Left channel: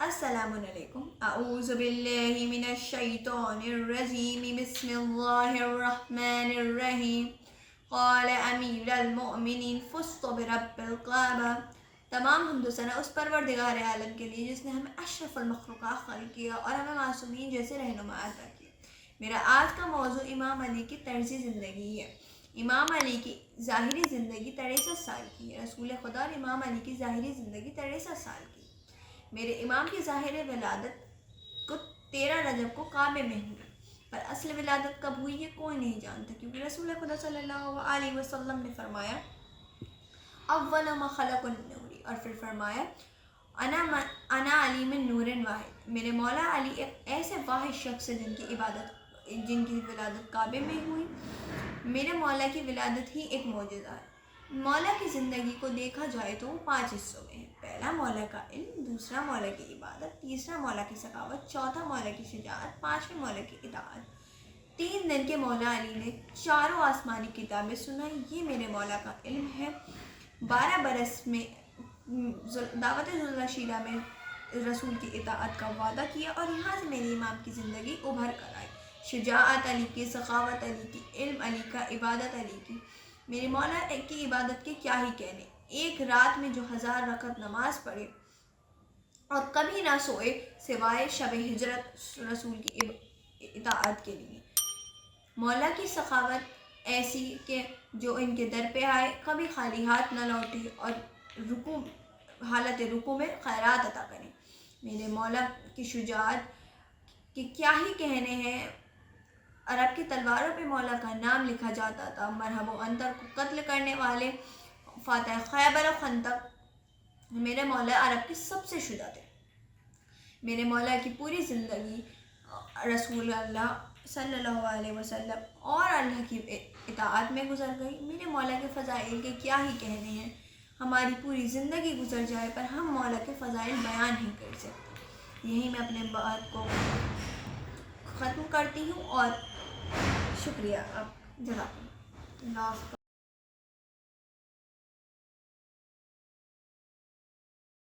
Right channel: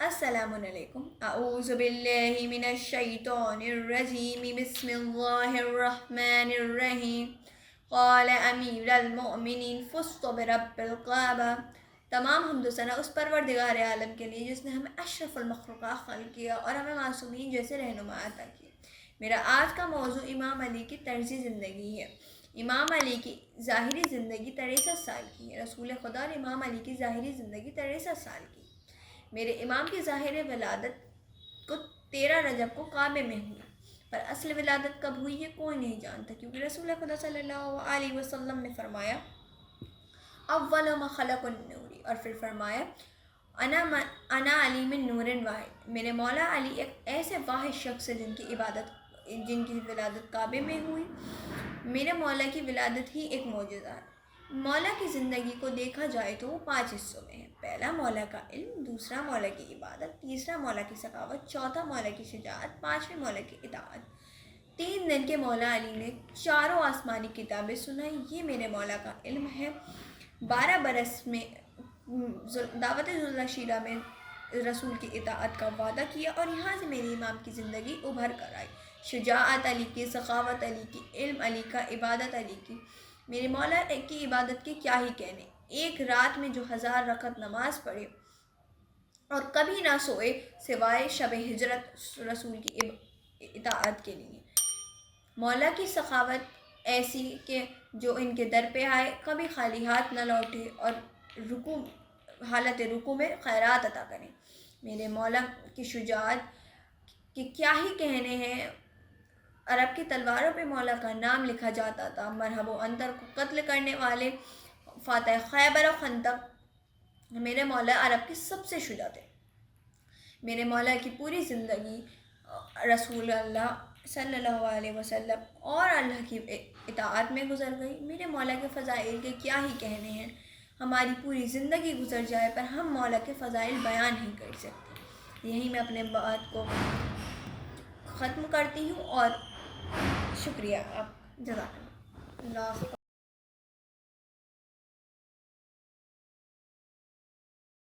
السلام علیکم. اعوذ باللہ من الشیطان الرجیم. بسم اللہ الرحمن الرحیم. قال امیر المؤمنین فزت برب الکعبہ. تمام حمد و ثنا اس پروردگار عالم کے لیے جس نے ہمیں اشرف المخلوقات خلق کیا اور ہمیں معصومین جیسے رہنما عطا کی. میرا آج کا موضوع امام علی کی طرز زندگی ہے. امام علی کی ظاہری زندگی 63 سال کی ہے. رسول خدا اور امام علی کی ظاہری زندگی 63 سال کی. میرے امام کی ظاہر ولادت کو 13 رجب کو کعبے میں ہوئی، پر اصل ولادت کب ہوئی یہ کوئی نہیں جانتا، کیونکہ رسول خدا صلی اللہ علیہ وسلم نے فرمایا اول ما خلق النوری، اور پھر فرمایا انا علی من نور واحد. میرے مولا علی ایک ایسے واحد شخص ہے جن کی ولادت کعبے میں ہوئی. میرے مولا کی ولادت ہی ایک معجزہ ہے. مولا کی زندگی کو دیکھا جائے تو وہ 5 حصوں میں ہے. پہلا مولا کا علم، دوسرا مولا کی عبادت، تیسرا مولا کی سخاوت، چوتھا مولا کی شجاعت، پانچویں مولا کی اطاعت. 3 دن کے مولا علی نے 4 آسمانی کتابیں سنائی. یہ میرے مولا کا علم ہے. 12 برس میں دعوت ذوالشیرہ میں رسول کی اطاعت کا وعدہ کیا، اور یہاں سے میری امام کی زندگی ابھر کر آئی. شجاعت علی کی، سخاوت علی کی، علم علی کا، عبادت علی کی. میرے مولا کی عبادت کے کیا ہی کہنے. ایک رات میں جو 1000 رکعت نماز پڑھے اور کبھی نہ سوئے سوائے شب ہجرت رسول کی اطاعت کے لیے. مولا کی سخاوت ایسی کہ جو ان کے در پہ آئے کبھی خالی ہاتھ نہ لوٹے اور حالت رکوع میں خیرات عطا کریں. میرے مولا کی شجاعت کہ کیا ہی کہنے ہیں. عرب کی تلواروں پہ مولا کا نام لکھا جاتا تھا. مرحب و انتر کو قتل کرنے والے فاتح خیبر و خندق میرے مولا عرب کی سب سے شجاع تھے. میرے مولا کی پوری زندگی رسول اللہ صلی اللہ علیہ وسلم اور اللہ کی اطاعت میں گزر گئی. میرے مولا کے فضائل کے کیا ہی کہنے ہیں. ہماری پوری زندگی گزر جائے پر ہم مولا کے فضائل بیان ہی کر سکتے. یہی میں اپنے بات کو ختم کرتی ہوں اور شکریہ. آپ جزاک اللہ.